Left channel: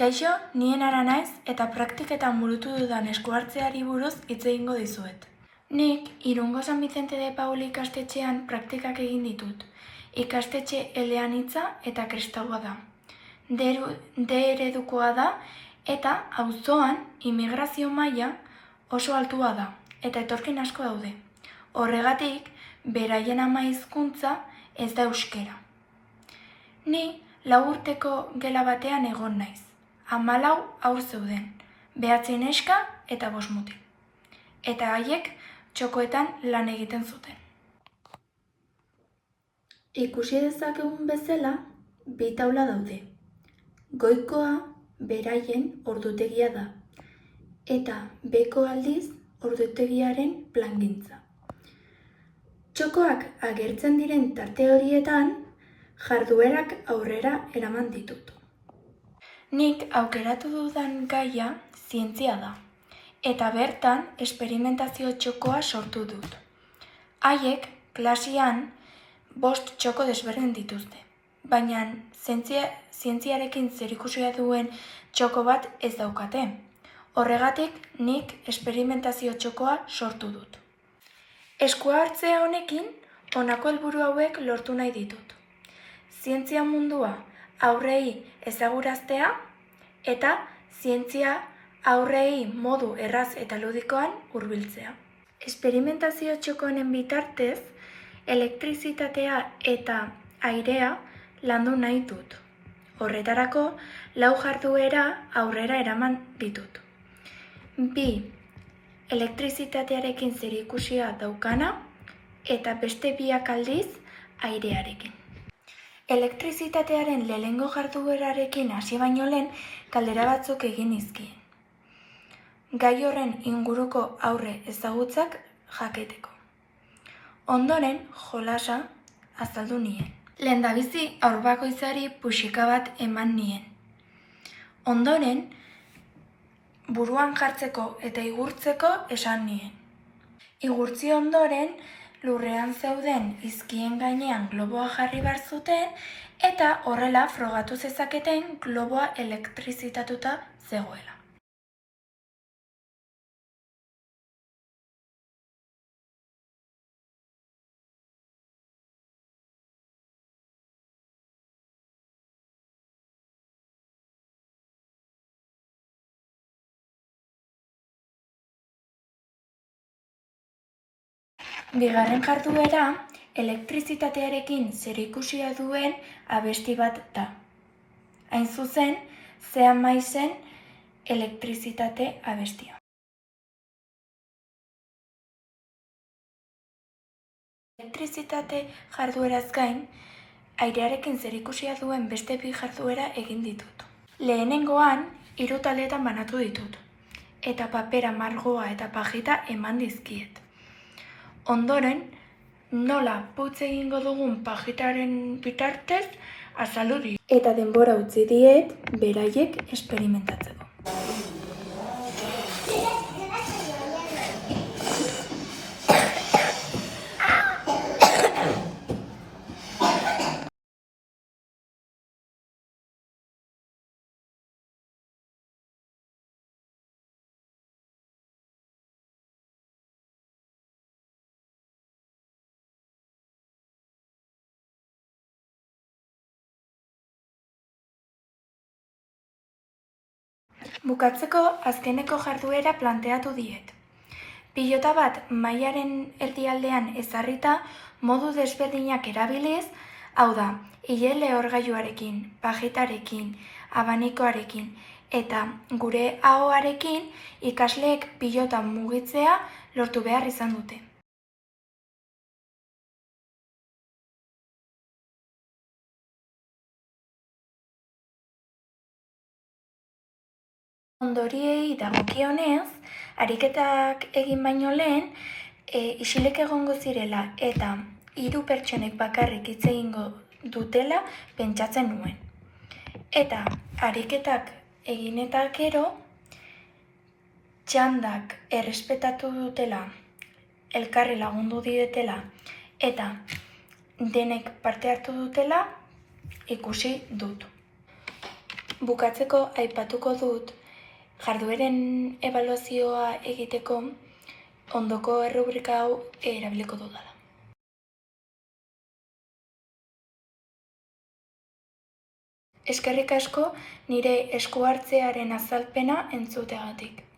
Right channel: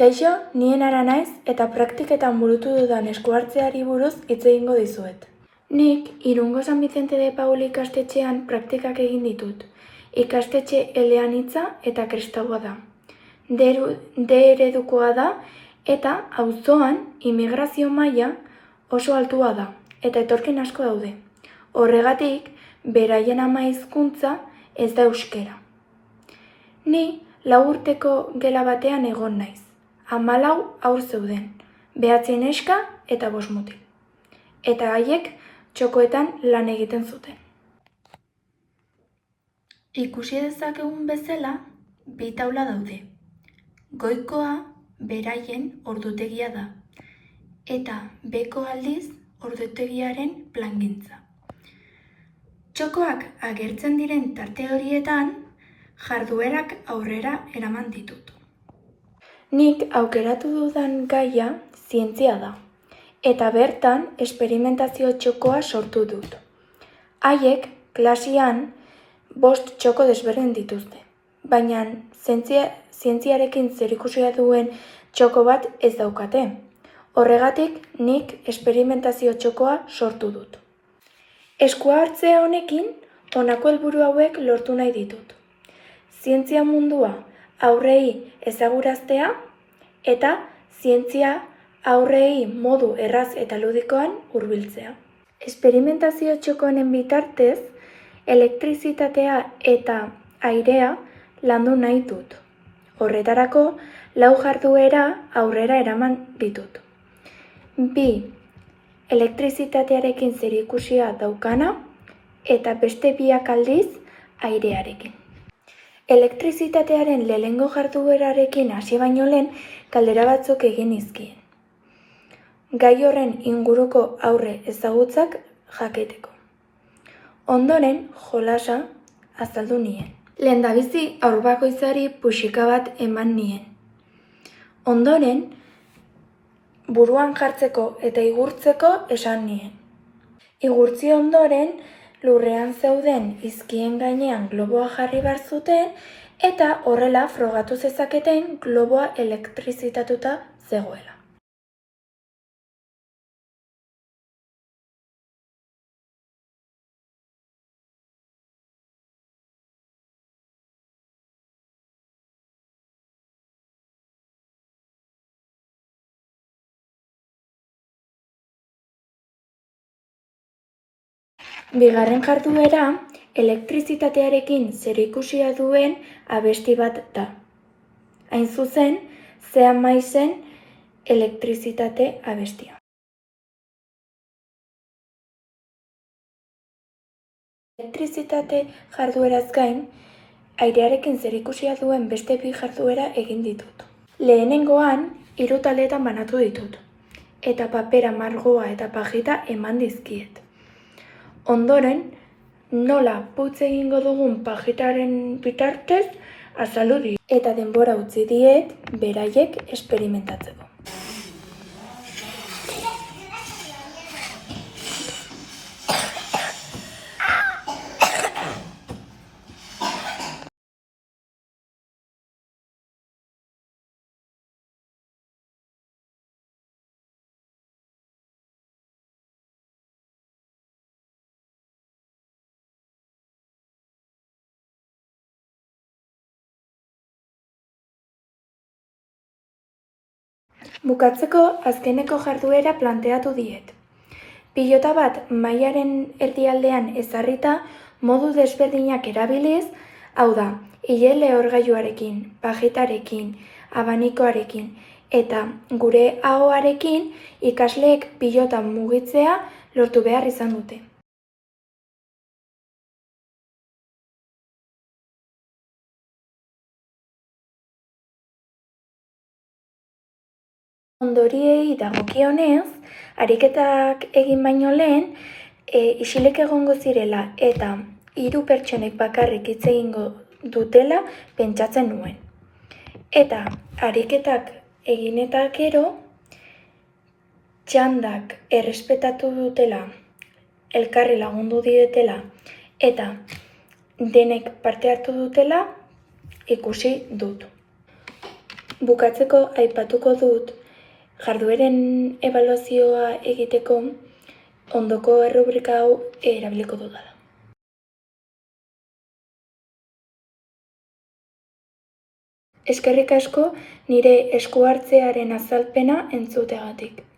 Kaixo, nien Ara naiz eta praktiketan burutu dudan eskuhartzeari buruz hitz egingo dizuet. Nik Irungo San Vicente de Paul ikastetxean praktikak egin ditut. Ikastetxe eleanitza eta kristaua da. D eredukoa da eta auzoan immigrazio maila oso altua da eta etorkin asko daude. Horregatik, beraien ama hizkuntza ez da euskera. Ni 4 urteko gela batean egon naiz. 14 haur zeuden, 9 neska eta 5 mutil. Eta haiek txokoetan lan egiten zuten. Ikusi dezakegun bezala, 2 taula daude. Goikoa beraien ordutegia da, eta beheko aldiz ordutegiaren plangintza. Txokoak agertzen diren tarte horietan, jarduerak aurrera eraman ditut. Nik aukeratu dudan gaia zientzia da, eta bertan esperimentazio txokoa sortu dut. Haiek klasean 5 txoko desberdin dituzte, baina zientziarekin zerikusia duen txoko bat ez daukate. Horregatik nik esperimentazio txokoa sortu dut. Eskuhartze honekin honako helburu hauek lortu nahi ditut. Zientzia mundua aurrei ezaguraztea eta zientzia aurrei modu erraz eta ludikoan hurbiltzea. Esperimentazio txoko honen bitartez, elektrizitatea eta airea landu nahi dut. Horretarako, 4 jarduera aurrera eraman ditut. 2 elektrizitatearekin zerikusia daukana eta beste 2 aldiz airearekin. Elektrizitatearen lehenengo jarduerarekin hasi baino lehen galdera batzuk egin nizkien. Gai horren inguruko aurre ezagutzak jakiteko. Ondoren jolasa azaldu nien. Lehendabizi haur bakoitzari puxika bat eman nien. Ondoren buruan jartzeko eta igurtzeko esan nien. Igurtzi ondoren lurrean zeuden izkien gainean globoa jarri behar zuten eta horrela frogatu zezaketen globoa elektrizitatuta zegoela. Bigarren jarduera, elektrizitatearekin zerikusia duen abesti bat da. Hain zuzen, Zea Maizen elektrizitate abestia. Elektrizitate jardueraz gain, airearekin zerikusia duen beste 2 jarduera egin ditut. Lehenengoan, 3 taldeetan banatu ditut, eta papera, margoa eta pajita eman dizkiet. Ondoren, nola putz egingo dugun pajitaren bitartez azaldu diet. Eta denbora utzi diet beraiek esperimentatzeko. Bukatzeko azkeneko jarduera planteatu diet. Pilota bat mailaren erdialdean ezarrita modu desberdinak erabiliz, hau da, ile lehorgailuarekin, pajitarekin, abanikoarekin eta gure ahoarekin ikasleek pilota mugitzea lortu behar izan dute. Ondoriei dagokionez, ariketak egin baino lehen, isilik egongo zirela eta 3 pertsonek bakarrik hitz egingo dutela pentsatzen nuen. Eta ariketak egin eta gero, txandak errespetatu dutela, elkarri lagundu dietela eta denek parte hartu dutela ikusi dut. Bukatzeko aipatuko dut jardueren ebaluazioa egiteko ondoko errubrika hau erabiliko dudala. Eskerrik asko nire esku hartzearen azalpena entzuteagatik.